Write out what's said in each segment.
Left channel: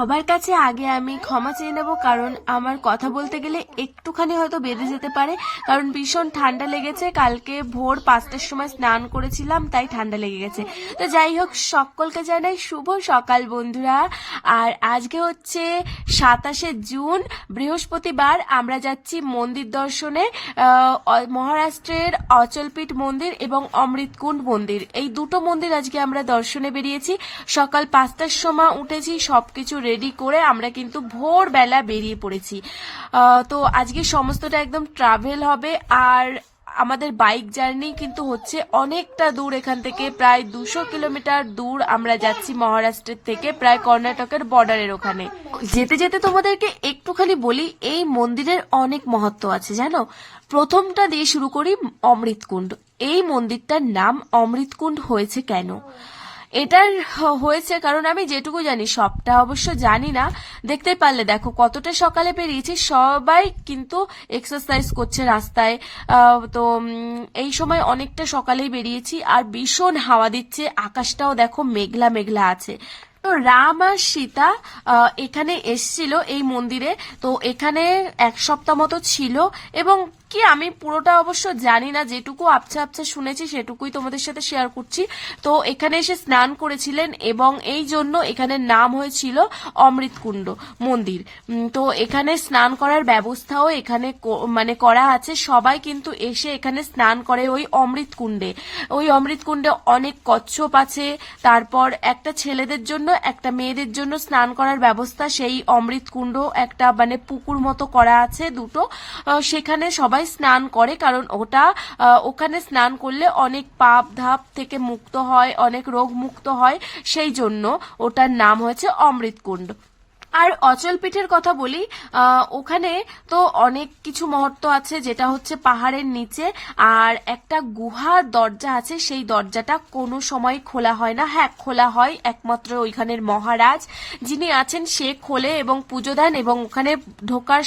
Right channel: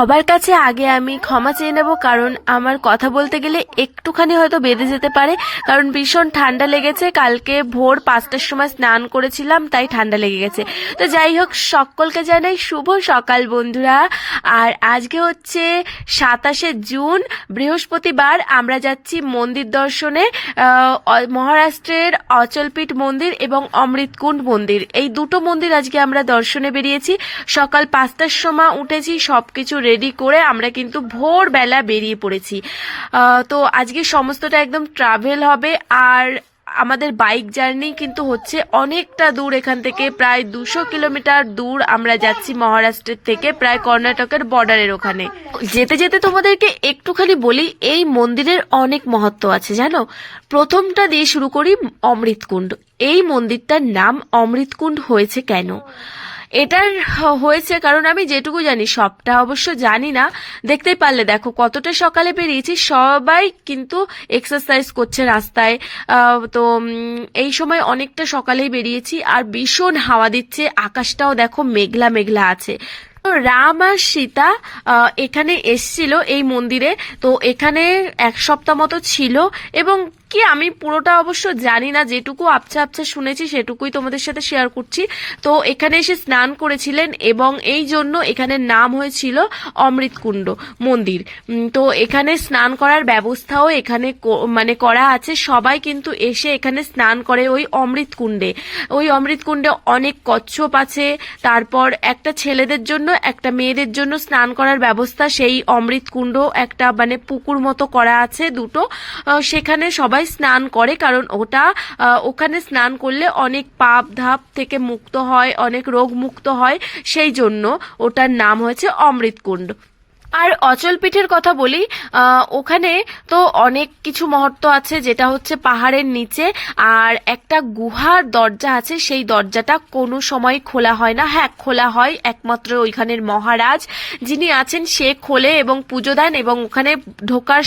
সবার কাছে আগে আমি ক্ষমা চেয়ে নেব, কারণ আমার কথা বলতে গেলে একটুখানি হয়তো বেঁধে যেতে পারে, কারণ ভীষণ ঠান্ডা লেগেছে। কালকে ভোর 5টার সময় স্নান করেছিলাম, তাই ঠান্ডা লেগে গেছে। তো যাই হোক, সকলকে জানাই শুভ সকাল বন্ধুরা। আর আজকে হচ্ছে 27শে জুন, বৃহস্পতিবার। আমরা যাচ্ছি মন্দির দর্শনে, মহারাষ্ট্রের অচলপীঠ মন্দির এবং অমৃতকুণ্ড মন্দির, এই দুটো মন্দির আজকে আমরা দর্শনে বেরিয়েছি। সকাল 5টার সময় উঠেছি, সবকিছু রেডি করে আমরা কিন্তু ভোরবেলা বেরিয়ে পড়েছি। তো আজকে সমস্তটা একদম ট্রাভেল হবে। আর আমাদের বাইক জার্নি কিন্তু হচ্ছে অনেকটা দূর, এখান থেকে প্রায় 200 কিলোমিটার দূর আমরা যাচ্ছি মহারাষ্ট্রের থেকে, প্রায় কর্ণাটকের বর্ডারের ওখানে। যেতে যেতে তোমাদেরকে একটুখানি বলি, এই মন্দিরের অনেক মহত্ব আছে জানো। প্রথমটা দিয়ে শুরু করি, অমৃতকুণ্ড। এই মন্দিরটার নাম অমৃতকুণ্ড হয়েছে কেন? এটার হয়েছে কারণ আমি যেটুকু জানি, সবটা অবশ্য জানি না। দেখতেই পারলে, দেখো কতটা সকালে বেরিয়েছি, সবাই কিন্তু এক্সারসাইজ করছে রাস্তায়। তো এই সময় অনেকটা সকালেই বেরিয়েছি, আর ভীষণ হাওয়া দিচ্ছে, আকাশটাও দেখো মেঘলা মেঘলা আছে। তো রাম আর সীতা এখানে এসছিল এই মন্দিরে। তো এখানে 1 সপ্তাহ মতো ছিল, এবং কি আমি পুরোটা অবশ্য জানি না, যেটুকু আবছা আবছা শুনেছি সেটুকুই তোমাদের সাথে শেয়ার করছি। তো এখানে এসে স্নান করেছিলেন, এবং এই জন্য এখানের নাম হয়েছিল অমৃতকুণ্ড মন্দির। তো এখানে স্নান করার ব্যবস্থাও এখানে মানে করা আছে। সবাই কিন্তু এসে এখানে স্নান করে ওই অমৃতকুণ্ডে। ওই অমৃতকুণ্ডে অনেক কচ্ছপ আছে, তারপর একটা ছেলেদের জন্য একটা মেয়েদের জন্য স্নান করার ব্যবস্থা। সেই অমৃতকুণ্ড একটা মানে পুকুর মতো করা আছে দুটো, সেখানে সবাই স্নান করে, কারণ ওখানে স্নান করলে অনেক পাপ ধাপ থেকে মুক্ত হয়, অনেক রোগ মুক্ত হয়, সেই জন্য ওটার নাম হয়েছে অমৃতকুণ্ড। আর অচলপীঠের কথা বলি, ওখানে তো অনেক কিছু মহত্ব আছে, যেটা হচ্ছে পাহাড়ের নিচে আর একটা গুহার দরজা আছে। সেই দরজাটা কোনো সময় খোলা হয় না। হ্যাঁ, খোলা হয়, একমাত্র ওইখানের মহারাজ যিনি আছেন সে খোলে এবং পুজো দেন, এবং ওখানে ঢোকার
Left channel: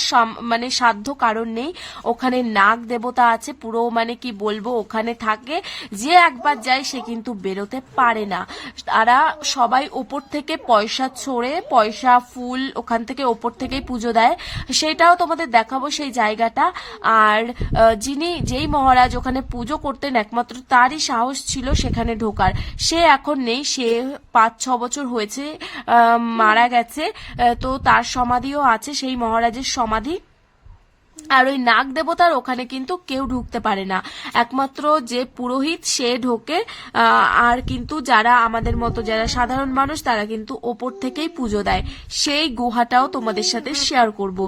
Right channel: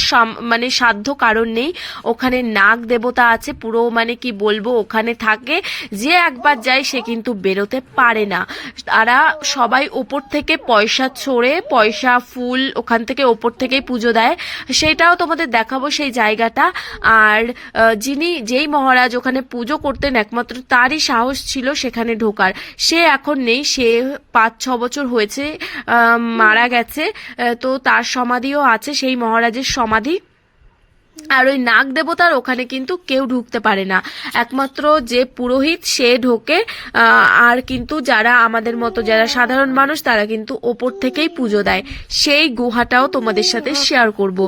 মানে সাধ্য কারণ নেই। ওখানে নাগ দেবতা আছে, পুরো মানে কি বলবো, ওখানে থাকে। যে একবার যায় সে কিন্তু বেরোতে পারে না। তারা সবাই ওপর থেকে পয়সা ছড়ে, পয়সা ফুল ওখান থেকে ওপর থেকেই পুজো দেয়। সেটাও তোমাদের দেখাবো সেই জায়গাটা। আর যেই মহারাজ ওখানে পুজো করতেন, একমাত্র তারই সাহস ছিল সেখানে ঢোকার। সে এখন নেই, সে 5-6 বছর হয়েছে মারা গেছে। তো তার সমাধিও আছে, সেই মহারাজের সমাধি। আর ওই নাগ দেবতার ওখানে কিন্তু কেউ ঢুকতে পারে না, একমাত্র যে পুরোহিত সে ঢোকে। আর কিন্তু যারা আমাদের মতো যারা সাধারণ মানুষ, তারা কিন্তু ওপর থেকেই পুজো দেয়। সেই গুহাটাও তোমাদের সাথে শেয়ার করব।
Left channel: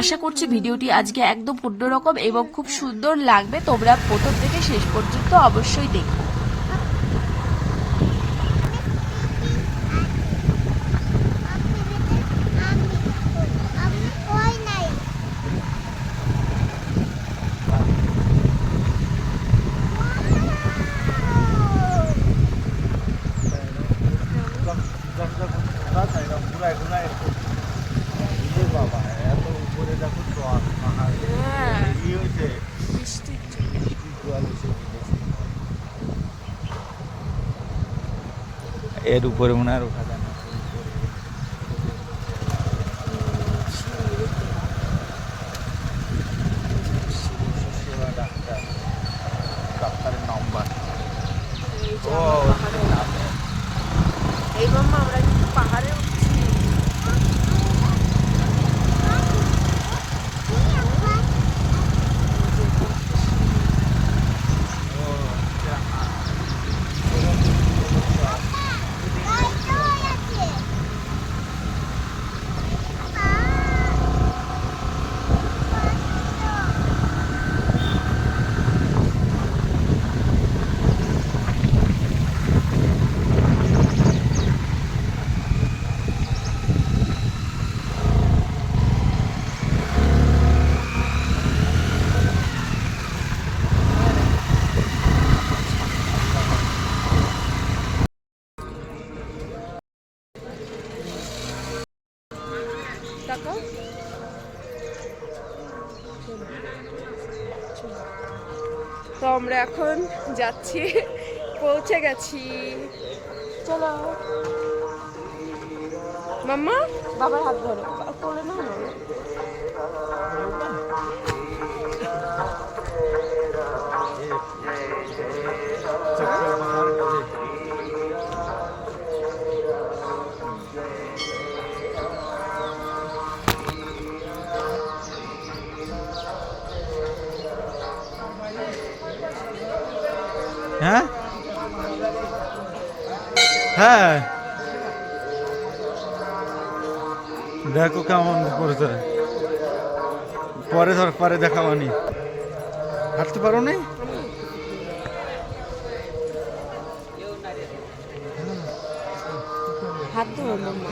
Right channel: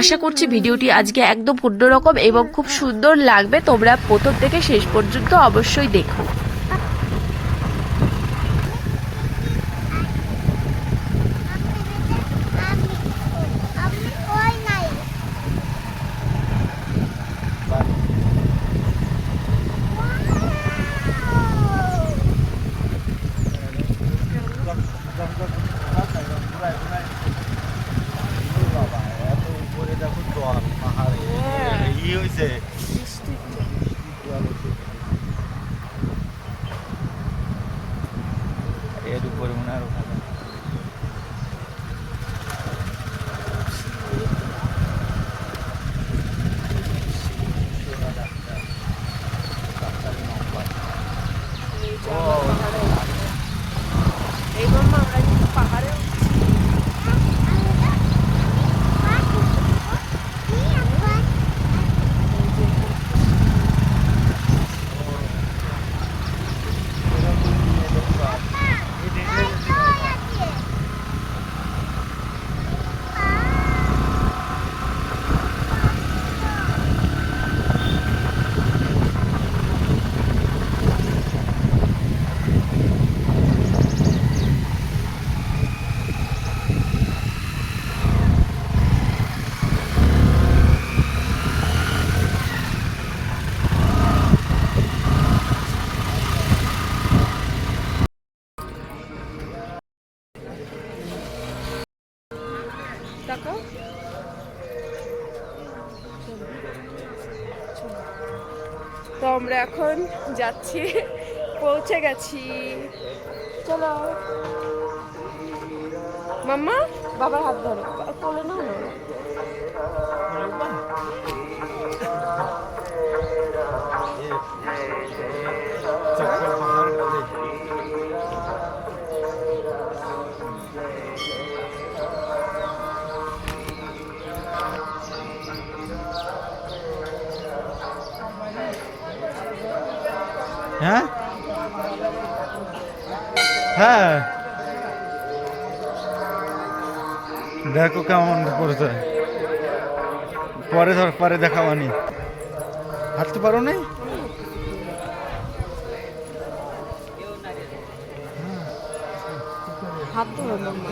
আশা করছি ভিডিওটি আজকে একদম অন্যরকম এবং খুব সুন্দর লাগবে। তোমরা প্রথম থেকে শেষ পর্যন্ত অবশ্যই দেখো। এর উপরে মনে হয় এই মাম্মা, আমরা কিন্তু পাহাড়ে উঠছি। তাকাও, তো আমরা এখন যাচ্ছি, পৌঁছে গেছি, চলো। মাম্মা বাবার হাত ধরো, কোলে নাও না। হ্যাঁ হ্যাঁ দেখো কেমন করছে, পরে ধর পরে দেখাবানি। হাঁটতে পারো নাই? হাত ধরো মাম্মা।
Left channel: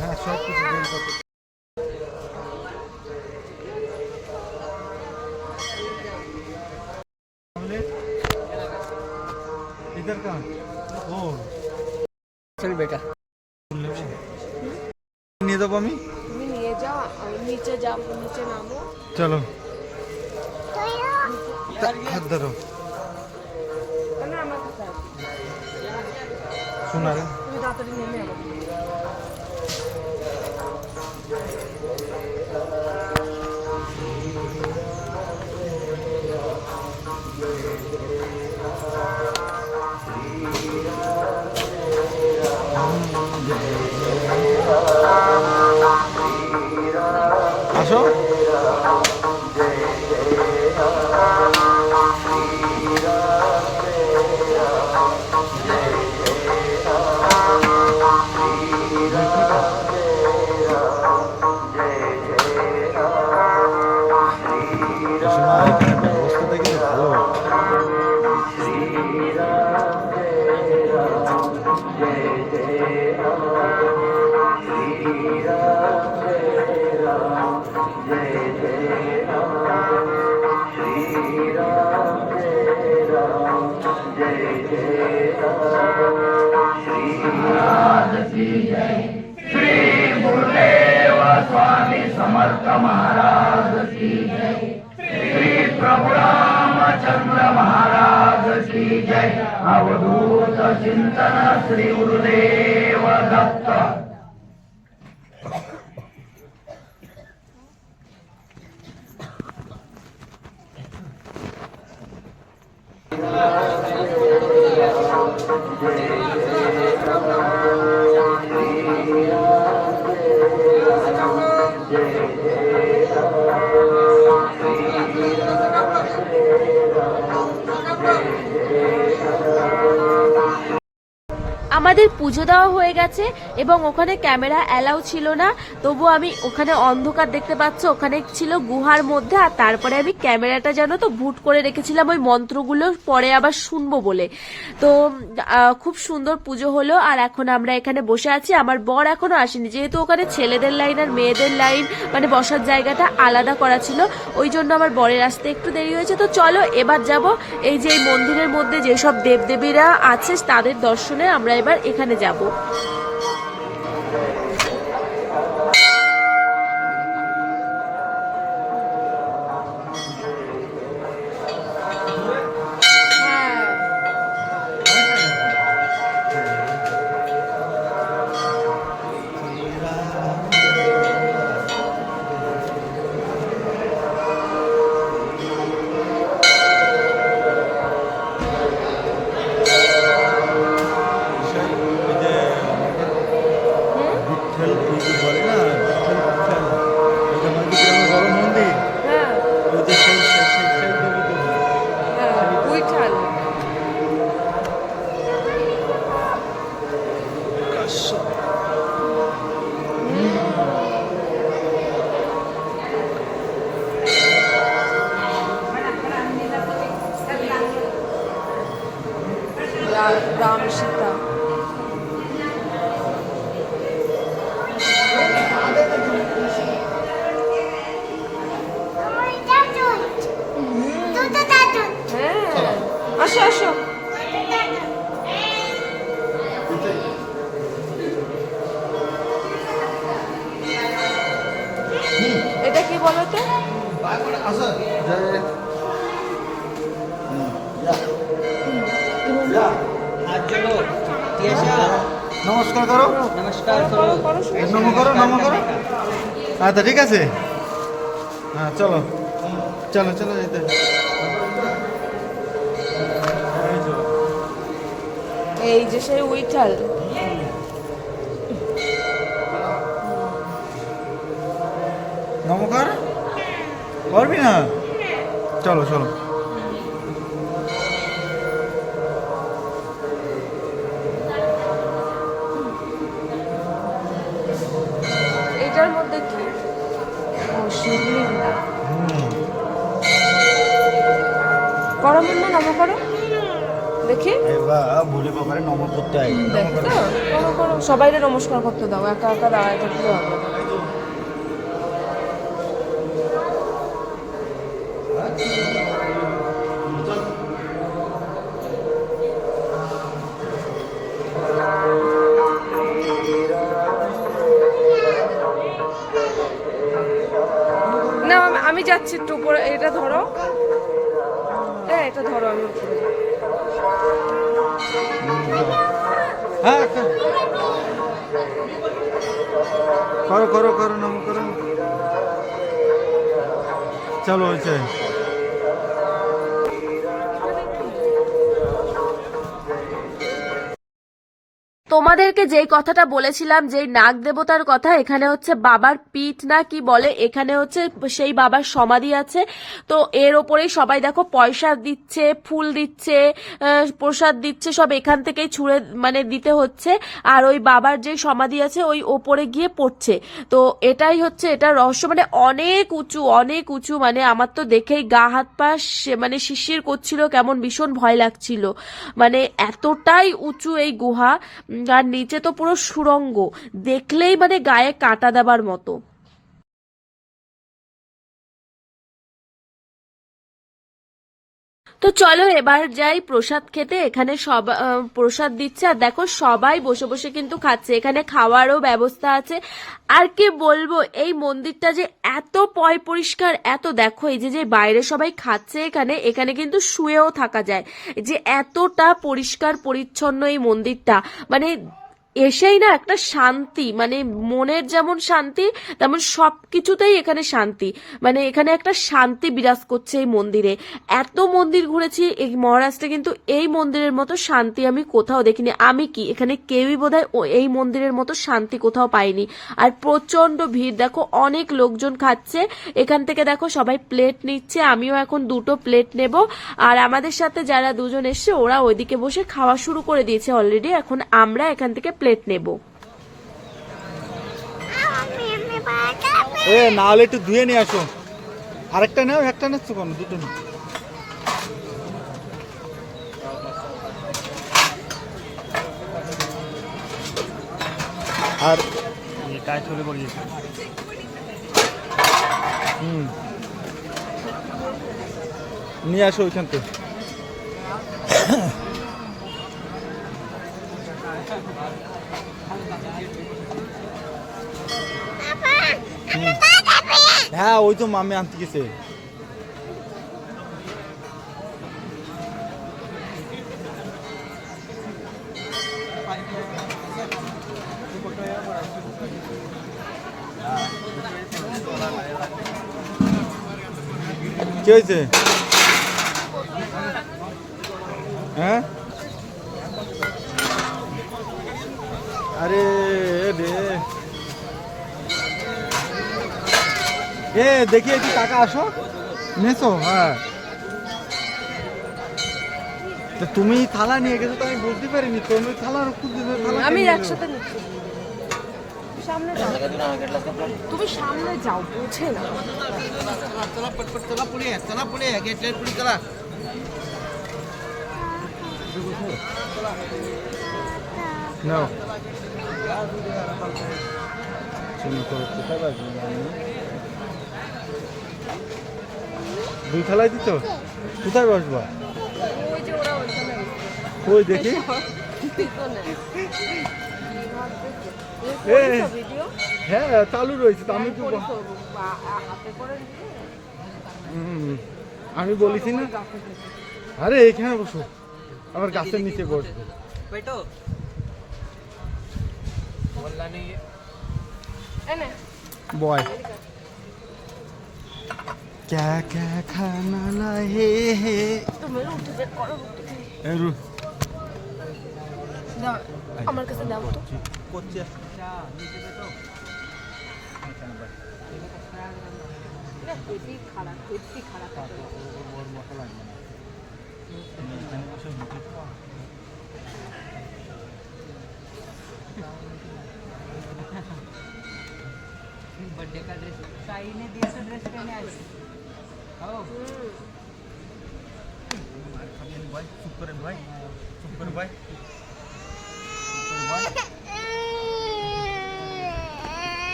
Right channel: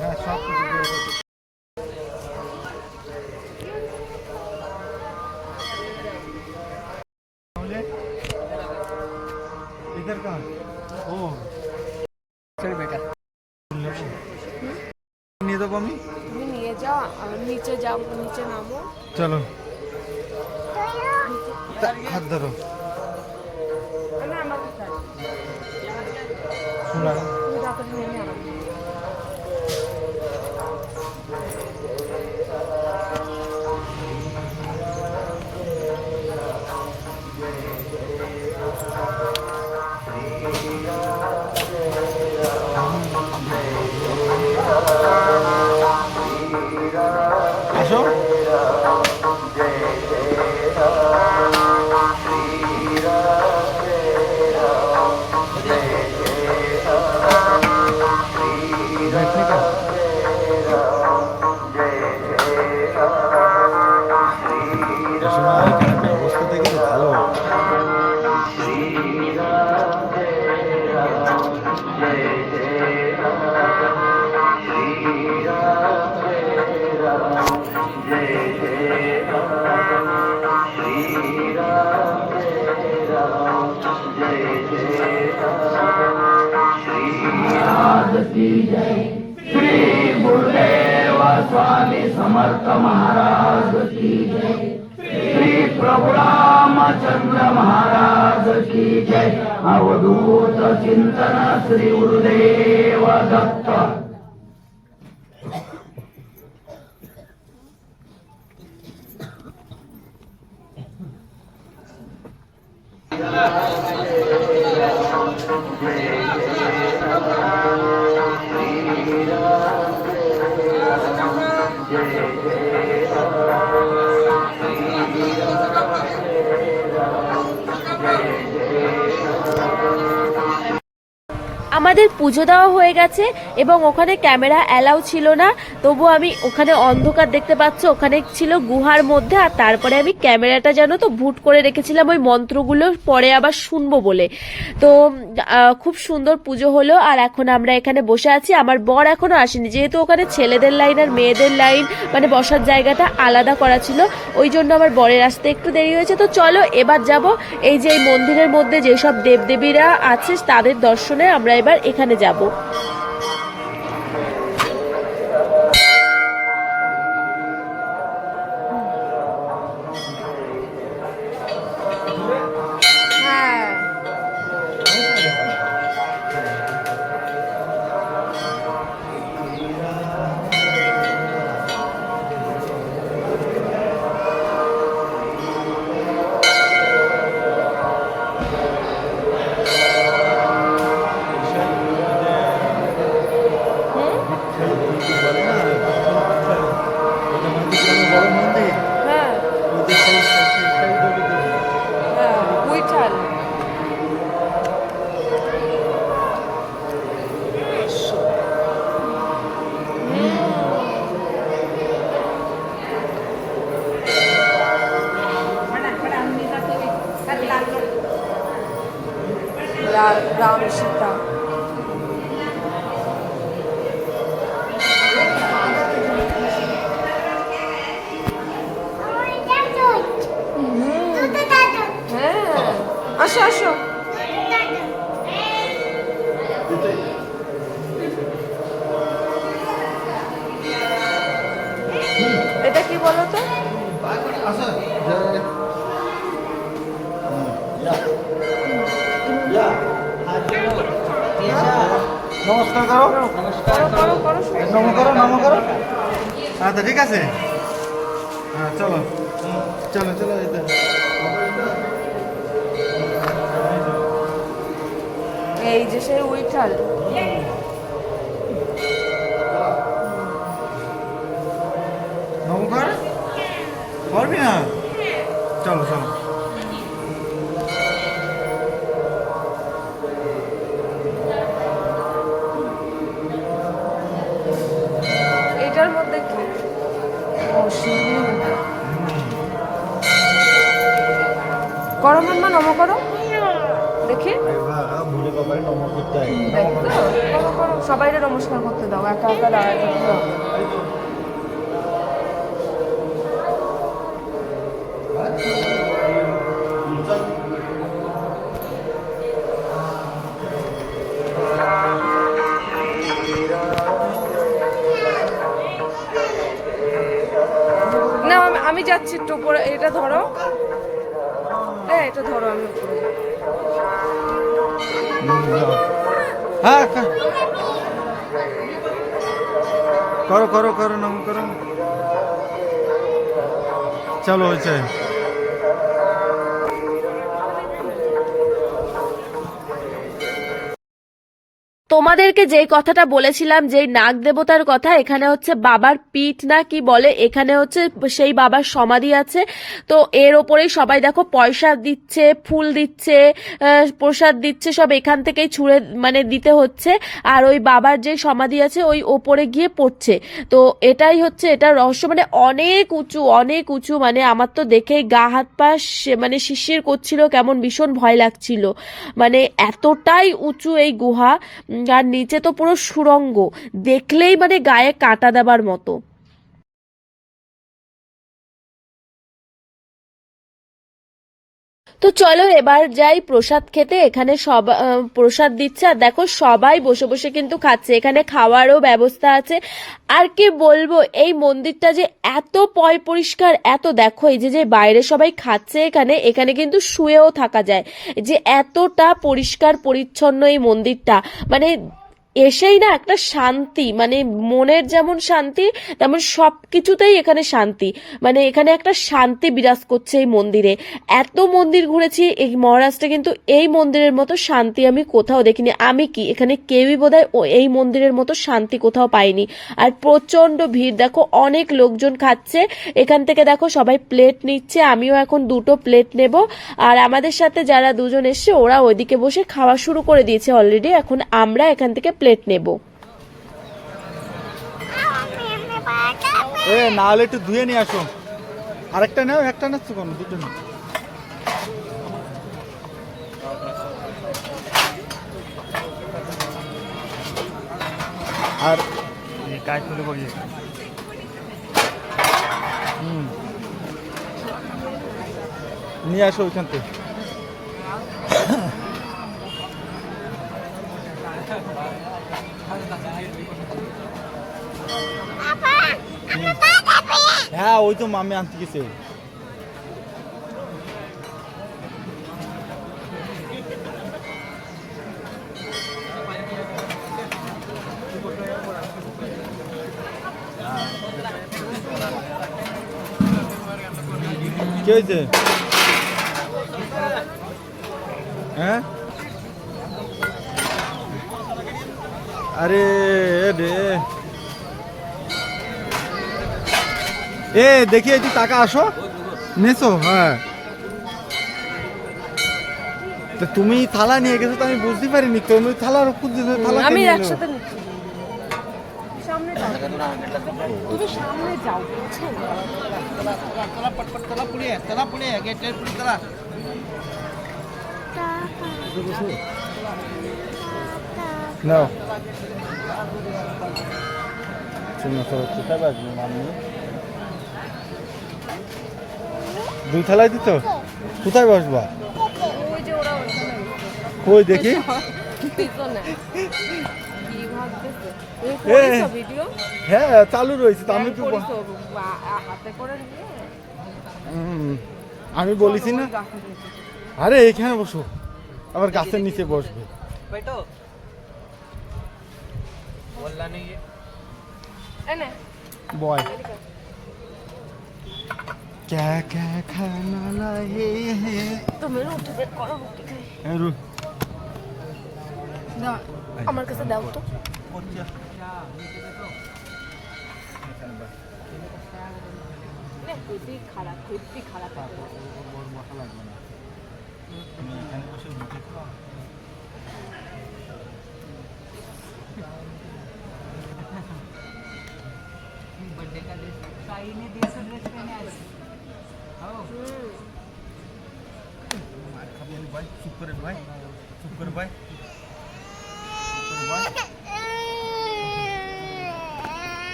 হ্যাঁ সব কিছু বের করতে। इधर कहाँ? ओ चल बेटा নিয়ে যাবো আমি। তুমি নিয়ে যাও, আমি নিচে যাবো, নিচে নামো। চলো হাত ধরো। না আমার কাছে শোনা তুমি তাড়াতাড়ি নেমে আমার আসো। এখানে ব্যবস্থাটা কিন্তু ভালো। श्री गुरुदेव स्वामी समर्थ महाराज की जय। श्री प्रभु रामचंद्र महाराज की जय। अवधूत चिंतन श्री गुरुदेव दत्त। আমাদের পুজো দেওয়া হয়ে গেছে এবং ওখানে ক্যামেরা অ্যালাউ ছিল না, তবু আমি ওখানে অন্ধকার দেখতে পাচ্ছ, ওখানে ছিল গুহার মধ্যে, আর তারপরে আমি ক্যামেরাটা জানো তো ভুট করে রেখেছিলাম ওই মন্ত্রগুলো পরে আবার শুনবো বলে। তো খুব সুন্দর পুজো হলো। আর এখন আমরা এখানে বসে আছি, আমার বর এখনো আসেনি, যেহেতু ওখানে ছেলেদের লাইন আর মেয়েদের লাইন মানে বসার জায়গাটা আলাদা করা ছিল, ওই জন্য আমার বরের আসতে একটু দেরি হয়েছে। তো চলো এবার যাব এই যে এই মন্দিরের মধ্যে যেসব দেবদেবীরা আছে তাদের দর্শনে আমরা এবার এখানে যাব। রাম সীতা আসো আসো। এটা কি বলো তো? আসো নমস্কার করো নম করো আচ্ছা ঠিক আছে হ্যাঁ চলো চলো চলো এই তো। এই যে সে উইঠাল নমস্কার করবি না চলো চলো এটার মধ্যে কি ও শিবলিঙ্গ করো মাম্মা নম করো দেখি এবার ভুলে বাবার নমস্কার করতে হয় দেখো সবাইকে নমস্কার করতে দাও একা একা দাঁড়ায় থাকলে হবে না। না আমি যাচ্ছি একটু উপরে এটা ধরো হ্যাঁ এটা ধরো আমি উপরে যাই। হ্যাঁ করো করো করো নম করো চলো হয়েছে তোমাদেরকে যেই কথাটা বলেছিলাম যেই নাগ দেবতার কথা এখানে হচ্ছে বাবার পিঠ না কি বলে এখানে হচ্ছে সেই বাবার সমাধি আছে তো এর ওপরেই সবাই দেখো পয়সা দিচ্ছে ফুল দিচ্ছে প্রসাদ দিচ্ছে সব এখান থেকেই ছুঁড়ে মানে দিতে হচ্ছে আর ওই বাবার যে সমাধি আছে ওই ওপরে গিয়ে পড়ছে তো এটাই হচ্ছে এটা রহস্য মানে অনেক উঁচু মানে আমার তো দেখেই গা হাত পা মানে শিরশির করছিল কেমন ভীষণ ভয় লাগছিল মানে এতটাই উঁচু এই গুহা আর নিচে তো পুরো সুড়ঙ্গ দেখলেই মানে গায়ে কাঁটা দেবার মতো তো চলো এবার যাই প্রসাদ খেতে এখানে সব প্রসাদ দিচ্ছে আর দেখো সবাই বসে বসে কিন্তু খাচ্ছে এখানে খাওয়ারও ব্যবস্থা আছে আর কি বলবো এই মন্দিরটা যে এত পয় পরিষ্কার এত দেখো এই যে বাইরে সবাই খাচ্ছে এখানে এখানে কিন্তু শুয়েও থাকা যায় যে এতটা পরিষ্কার পরিচ্ছন্ন এই মন্দিরটা মানে এসেই না একটা শান্তি মানে মনের যেমন শান্তি তেমন সবকিছুতেই এখানে শান্তি মানে এখানে একটা শান্তি বিরাজ করছে এই মন্দিরে এত মন্দির ঘুরেছি এই মহারাষ্ট্রে কিন্তু এই মন্দিরের মতো শান্তি আমি কোথাও দেখিনি আমি কি এখানে কেউই বোধহয় এই মন্দিরের মতো শান্তি কোথাও পাইনি আর প্রচন্ড ভিড় দেখো অনেক লোকজন খাচ্ছে এখান থেকে দেখো সবাই প্লেট নিচ্ছে আমিও এখন 2টো প্লেট নেব আর আমাদের সাথে যারা দুজন এসছে ওরা ওইদিকে বসে খাওয়া শুরু করে দিয়েছে অলরেডি এখন আমরা এখান থেকে প্লেট নেব এ না হলে একটু ধুয়ে নিয়ে আসো আরেকটা নাও একটা নাচ্ছ কেন দুটো নাও আর কাজ চলে পড়িয়ে নিয়ে আসো ওইখান থেকে হ্যাঁ ওই তো মামে আনতে গেছে কে হয়েছে হ্যাঁ আরে রে এ দেখি একটু টাকা আসো নেছো হ্যাঁ তুমি থালা নিয়ে গেছো তো আমি বুঝতে পারিনি তুমি থালার উপর দিলে থালা আমি একসাথে নিচ্ছি সামনে যাও তুমি সামনে যাও বুঝে না तला पुढे गेट पुढे चला নাও চিন্তা করো কোথায় বাজবে আমি দুই থালায় দিত কোথায় বসবা ওই যে ওরা ওইখানে কই দেখি হ্যাঁ চালু রয়েছে তো আমি তো আমি বলেছি না, আরে এখানে বসো, আবার গাছের নিচে বসবে। বয় क्या क्या खाना लाए আমার কাছে দাও তো।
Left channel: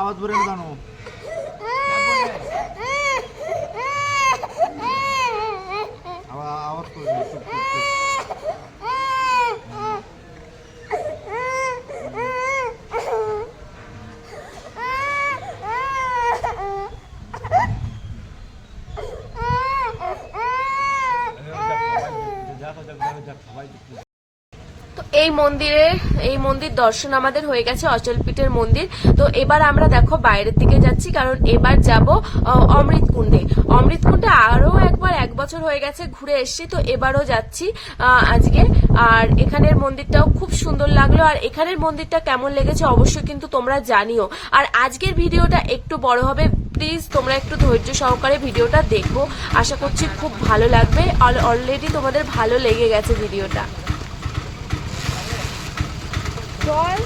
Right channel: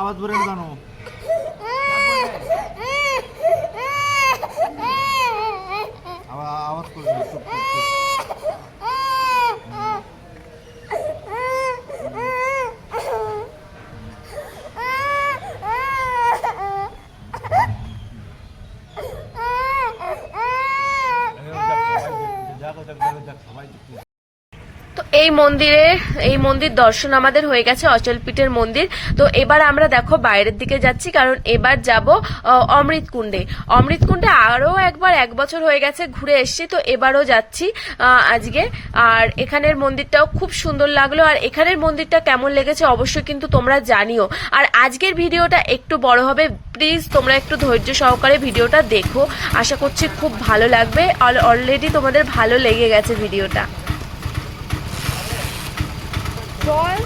আওয়াজ করে জানো আওয়াজ করে তো এই মন্দির দর্শন আমাদের হয়ে গেছে, অচলপীঠের মন্দির। তো এবার আমরা দেখো বাইরের দিকে যাচ্ছি, কারণ এবার যাব অমৃতকুণ্ডে আরো একবার 1 বছর হয়ে গেছে ঘুরে এসেছি, তো এবারও যাচ্ছি আজকে। আর এখানের মন্দিরটাও খুব সুন্দর লাগলো, আর এখানের মন্দিরটা কেমন লেগেছে অবশ্যই কিন্তু তোমরা জানিও। আর আজকের ভিডিওটা একটু বড় হবে, প্লিজ তোমরা একটু ধৈর্য সহকারে ভিডিওটা দেখো, আশা করছি খুব ভালো লাগবে। অলরেডি তোমাদের ভালো লেগে গেছে ভিডিওটা। চল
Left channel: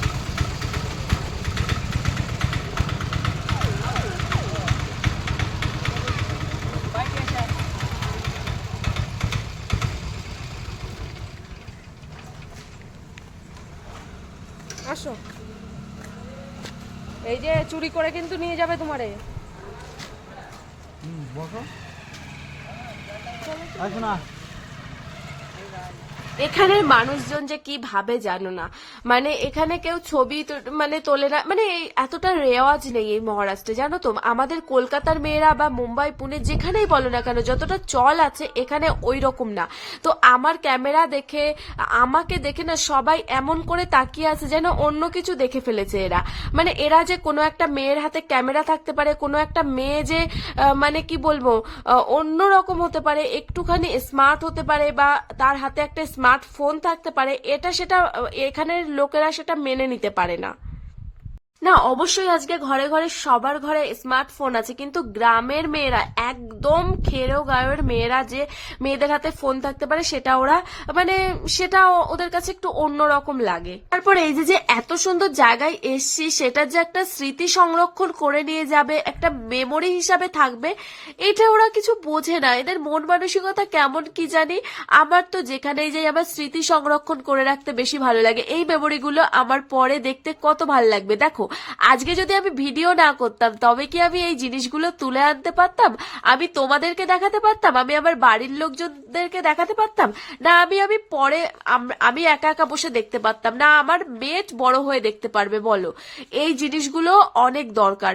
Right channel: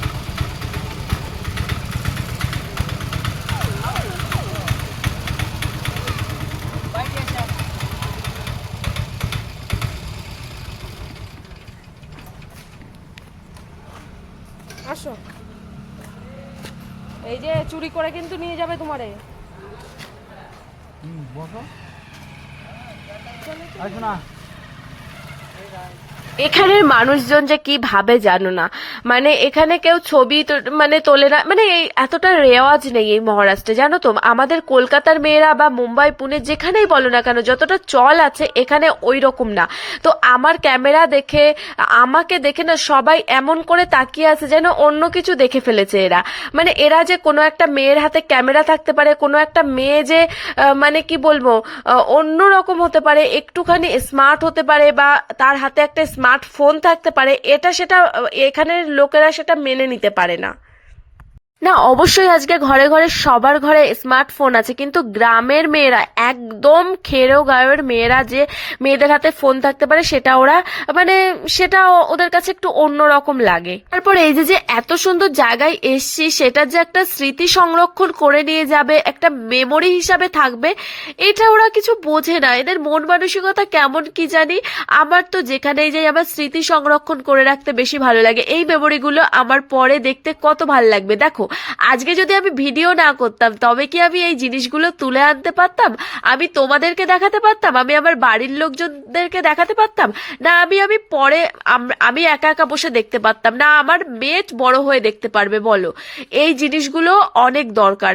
আসো, এই যে চুরি করে কিন্তু নিয়ে যাবে তোমারে। এখানের মানুষজন যে কি ভাবে জানো না, মানে এখানে কেউ ছবি মানে তোলে না, মানে এই এতটা রেওয়াজ নেই এই মহারাষ্ট্রে, জানো তো। আমাদের কলকাতার মেয়েরা বা মুম্বাই পুনে যেখানেই বলো না কেন, যতটা চল আছে এখানে ওই রকম না। তো আমার ক্যামেরা দেখে, আমাকে দেখে না সবাই এমন করে তাকিয়ে আছে যেন অন্য কিছু দেখে ফেলেছে এরা। মানে এরা যে কোনো একটা মেয়ের হাতে ক্যামেরা থাকতে পারে, কোনো একটা মেয়ে যে মানে কি বলবো অন্য রকম হতে পারে, একটুখানি স্মার্ট হতে পারে, বা তার হাতে একটা স্মার্টফোন থাকতে পারে, এটা সেটা এখানের লোকেরা সেটা মেনে নিতে পারে না। না, অবশ্যই আজকে ঘরে ঘরে সবার ঘরে স্মার্টফোন আছে, কিন্তু গ্রামের মেয়েরা, একদম খেরো গায়ের মেয়েরা যে মেয়েদের হাতে ফোন থাকতে পারে, সেটা ওরা মানে সেটা ওদের কাছে একটু অন্যরকম লাগে। তারপর এই যে এত সুন্দর জায়গায় এসছি, সেটা যে একটা স্মৃতি সংরক্ষণ করে নিয়ে যাবে, একটা মেমোরি হিসাবে থাকবে, এটা ওরা কিছু বোঝে না। এদের মন মানসিকতা কেমন কি জানি। আমার তো যেখানেই যাই আমার স্মৃতি সংরক্ষণ করে রাখতে বেশি ভালো লাগে। এই মেমোরিগুলো আমার পরে দেখতে কত ভালো লাগবে। দেখো, আজকে যদি আমি ভিডিও না করতাম তবে কি আমি এই জিনিসগুলো তুলে আনতে পারতাম? আমি তোমাদেরকে দেখাতে পারতাম? আমি আমার বাড়ির লোকজনদেরকে দেখাতে পারতাম? না আমি পরে আমি একা একা বসে দেখতে পারতাম? না আমার মেয়ে বড় হয়ে দেখতে পারবে? বলো, এই জিনিসগুলো অনেক দরকার।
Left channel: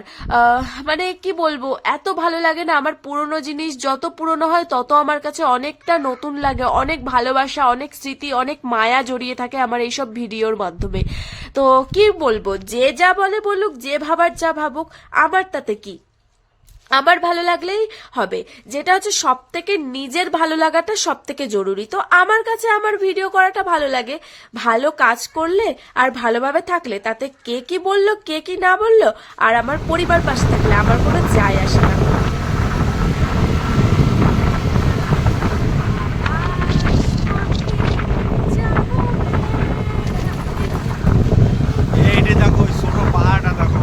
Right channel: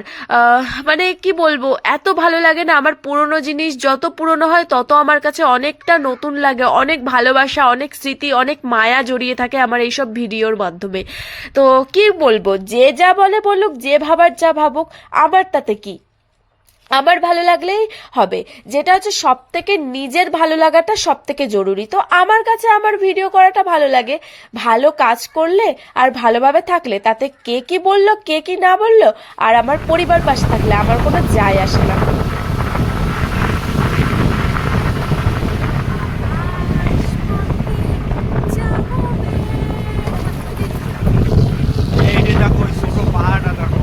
মানে কি বলবো, এত ভালো লাগে না। আমার পুরনো জিনিস যত পুরনো হয় তত আমার কাছে অনেকটা নতুন লাগে, অনেক ভালোবাসা, অনেক স্মৃতি, অনেক মায়া জড়িয়ে থাকে আমার এইসব ভিডিওর মাধ্যমে। তো কি বলবো, যে যা বলে বলুক, যে ভাবার যা ভাবুক, আমার তাতে কি? আমার ভালো লাগলেই হবে। যেটা হচ্ছে সব থেকে নিজের ভালো লাগাটা সব থেকে জরুরি। তো আমার কাছে আমার ভিডিও করাটা ভালো লাগে। ভালো কাজ করলে আর ভালোভাবে থাকলে তাতে কে কি বললো, কে কি না বললো, আর আমার পরিবার পাশে থাকলে আমার কোনো যায় আসে না। দেখো ছোট পাহাড়টা দেখো।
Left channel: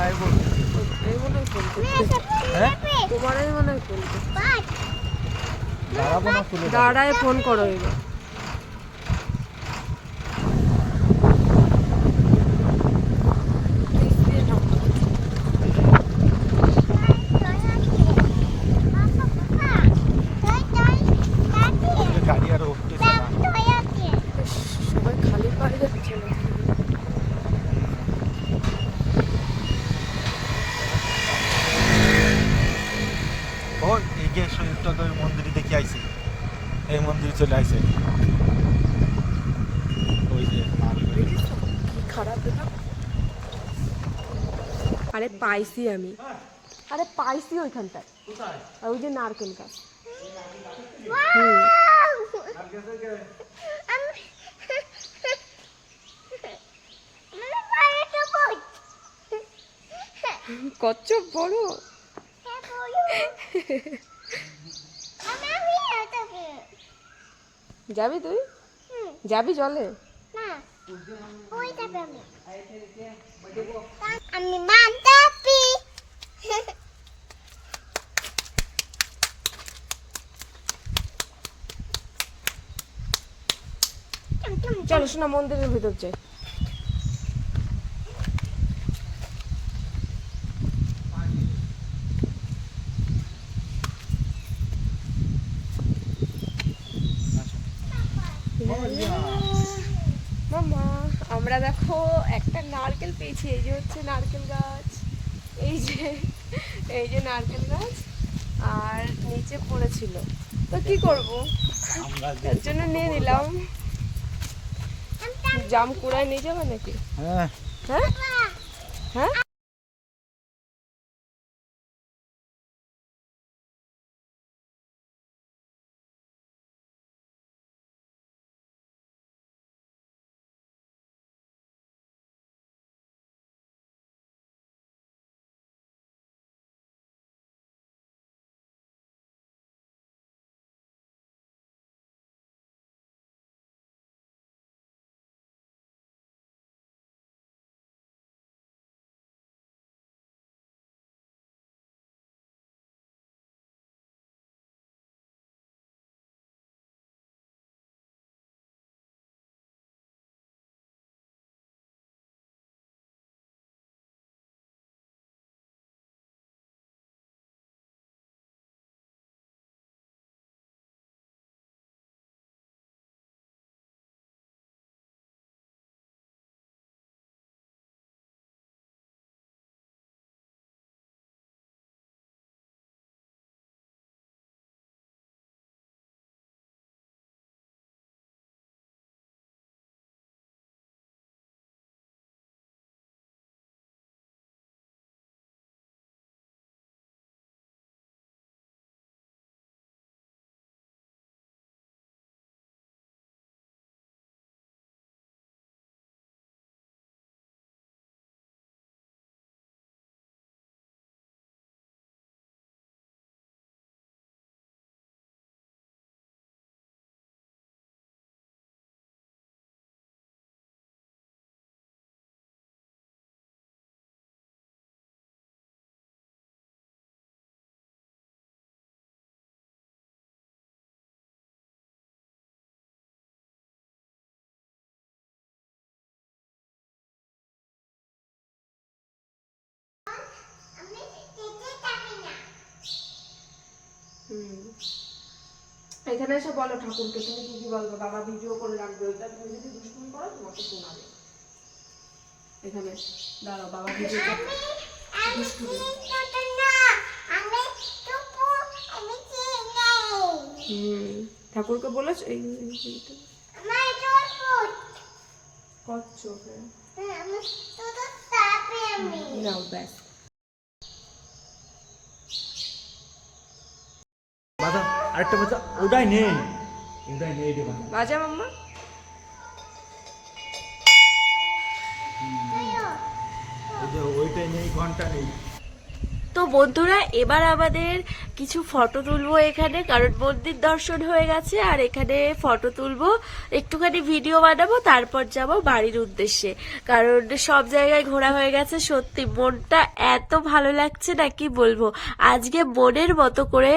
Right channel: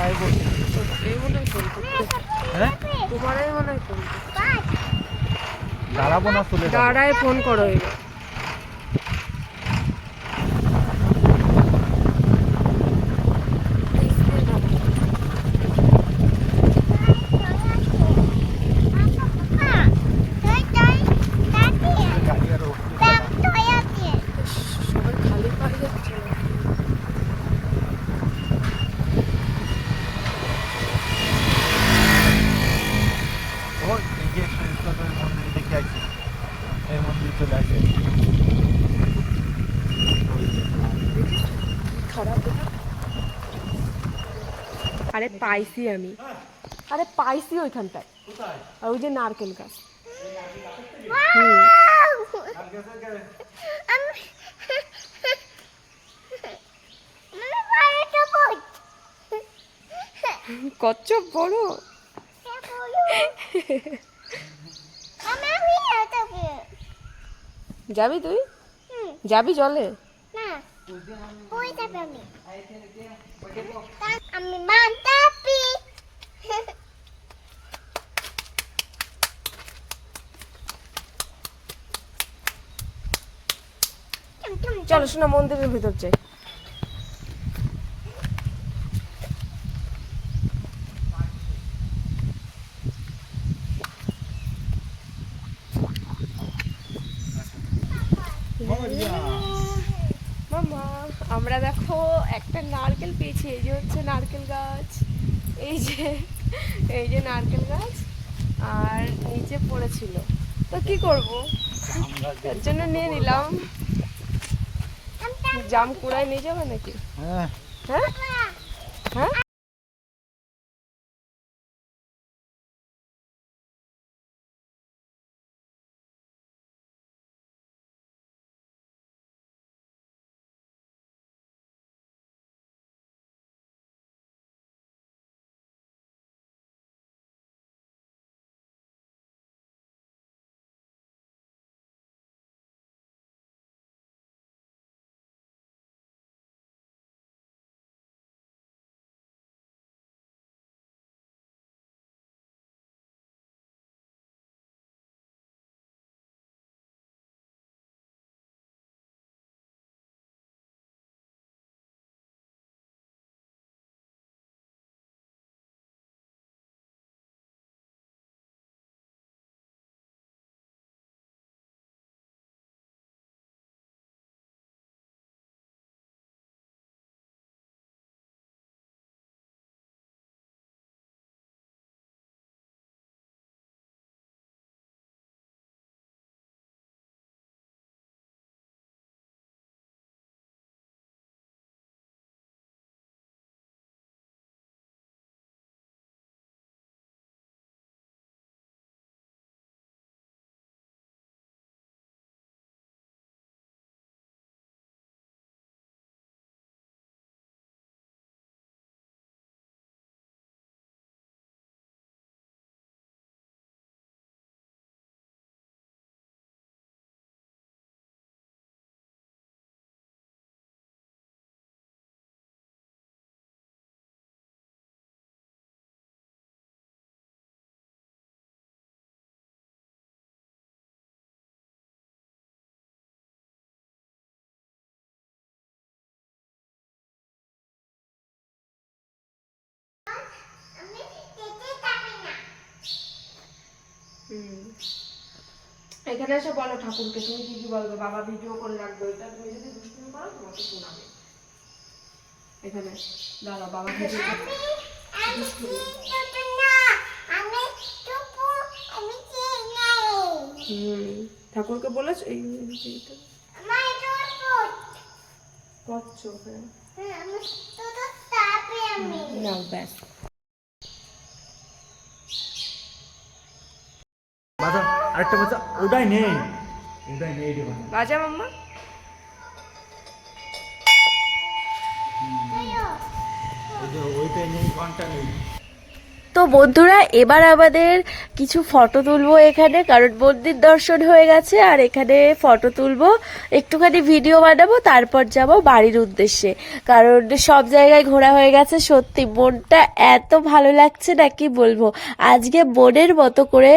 আয় বলবো। এই মনে হয় ফোন করতে, হ্যাঁ তোমারই মনে হয় ফোন করতে। দাঁড়াবো না, চলে যাবো। দাঁড়ায় ফোন করো এবার। গাড়ি আর উঠতে সবাই খালি পায়ে যাচ্ছে না। ওই এগিয়ে শহীদটা মন্দিরে দেখে আইছি, এই মন্দিরে চলে আইছে। ওই যে কি খারাপ এটা। আরে পাইছি আমি, আরে পাইছি ওইখানটায়। আর ওই যে নারকেল গাছ। কচ্ছপ বড়। যাবি তুই? যাবি জলে? আমি মানতাপি চলো শোনা, মন্দিরের ভিতর যাই। মামা আমরা দেখো একটা নারকেল পেয়েছি। এই যে হচ্ছে নারকেল গাছ, এই যে নারকেল গাছ, আর নিচে পড়েছিল। তো কি করব, তার জন্য নিয়ে নিলাম। জাম কুড়ায় নিয়ে যাবে নাকি? হ্যাঁ হ্যাঁ হ্যাঁ। এখানে এসে বলো ঠাকুরকে তুমি কি কি বলবে। বাবা ভিডিও করে রাখবে, এটা তুমি যদি দুষ্টুমি করো তোমাকে শোনাবে। এখানে দাঁড়াও, বাবা ভিডিও করে। ঠাকুরকে বলেছ এই কচ্ছপ। নাও ব্যাস। বাজা আরেকটা বাজা, ওটাই নেই রে বাজা। বাজা মাম্মা। ওইটাই নেই, ঘন্টা নেই। তো বন্ধুরা এবার আমাদের কিছু ফটো তুলবো এখানে, কারণ মন্দির দর্শন হয়ে গেছে আর এখানে ফটো তুলবো, একটুখানি ভিডিও বানাবো, তারপর যাব বাড়ির উদ্দেশ্যে। কারণ সব জায়গায় ঘোরা হয়ে গেছে, সত্যি মনটা এত ভালো লাগছে না কি বলবো। আজকে মনের মতো করে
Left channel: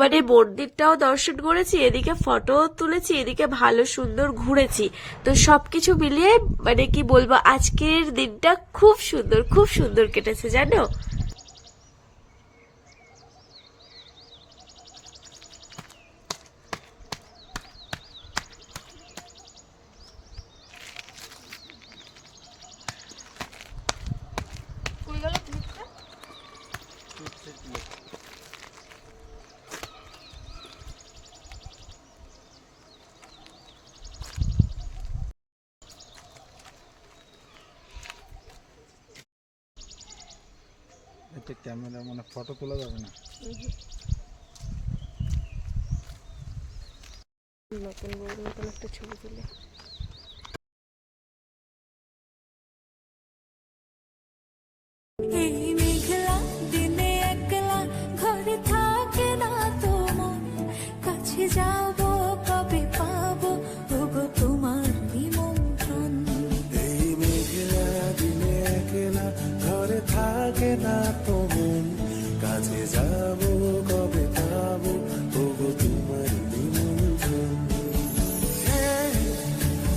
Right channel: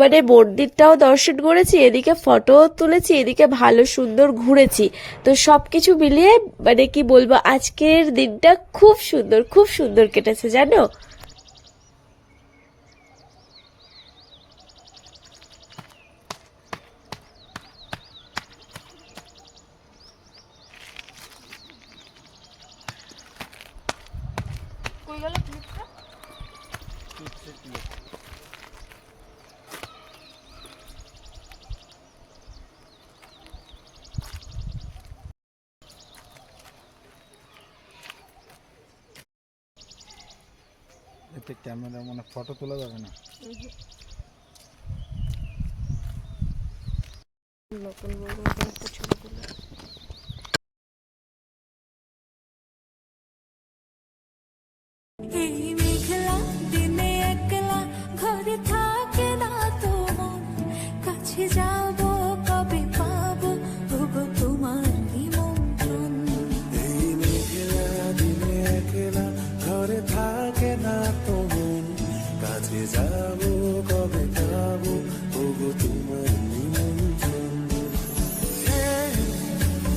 মানে মন্দিরটাও দর্শন করেছি, এদিকে ফটো তুলেছি, এদিকে ভালো সুন্দর ঘুরেছি। তো সবকিছু মিলিয়ে মানে কি বলবো, আজকের দিনটা খুব সুন্দর কেটেছে জানো। এতে ক্যামেরা মানে ফটো তোলা যাবে না। নতুন বড় মতন একটা ছবি তুলে এই মেঘলা দিনে একলা ঘরে থাকে না তো মন, কাছে যাব কবে পাবো ওগো তোমার নিমন্ত্রণ। এই মেঘলা দিনে একলা ঘরে থাকে না তো মন, কাছে যাব কবে পাবো ওগো তোমার নিমন্ত্রণ।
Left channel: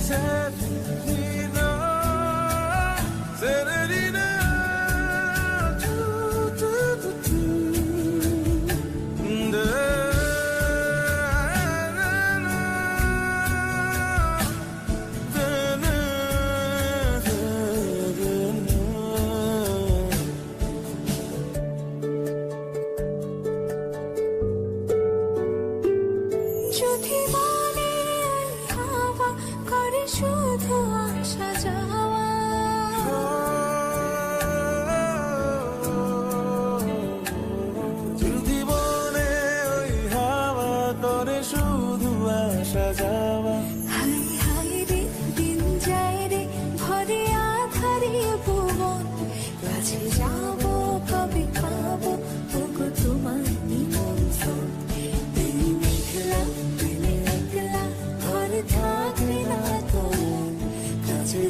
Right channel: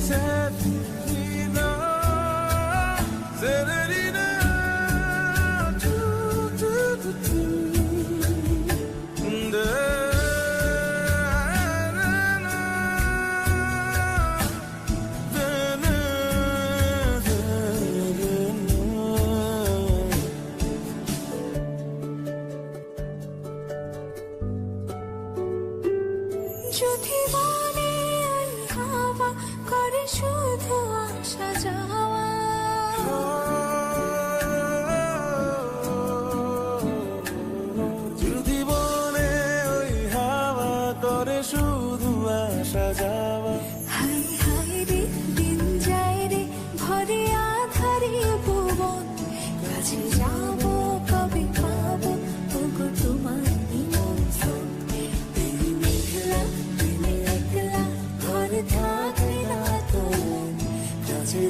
Serenina, Serenina, tu, tu, tu, tu. Da, na, na, da, na, da, da, na. যদি মনে ওই হাওয়া করে শুধু আসা যাওয়া, যদি বনে ওই হাওয়া করে শুধু আসা যাওয়া, হাই হাই রে দিন যায় রে ভরে আধারে ভুবন, কাছে যাব কবে পাবো ওগো তোমার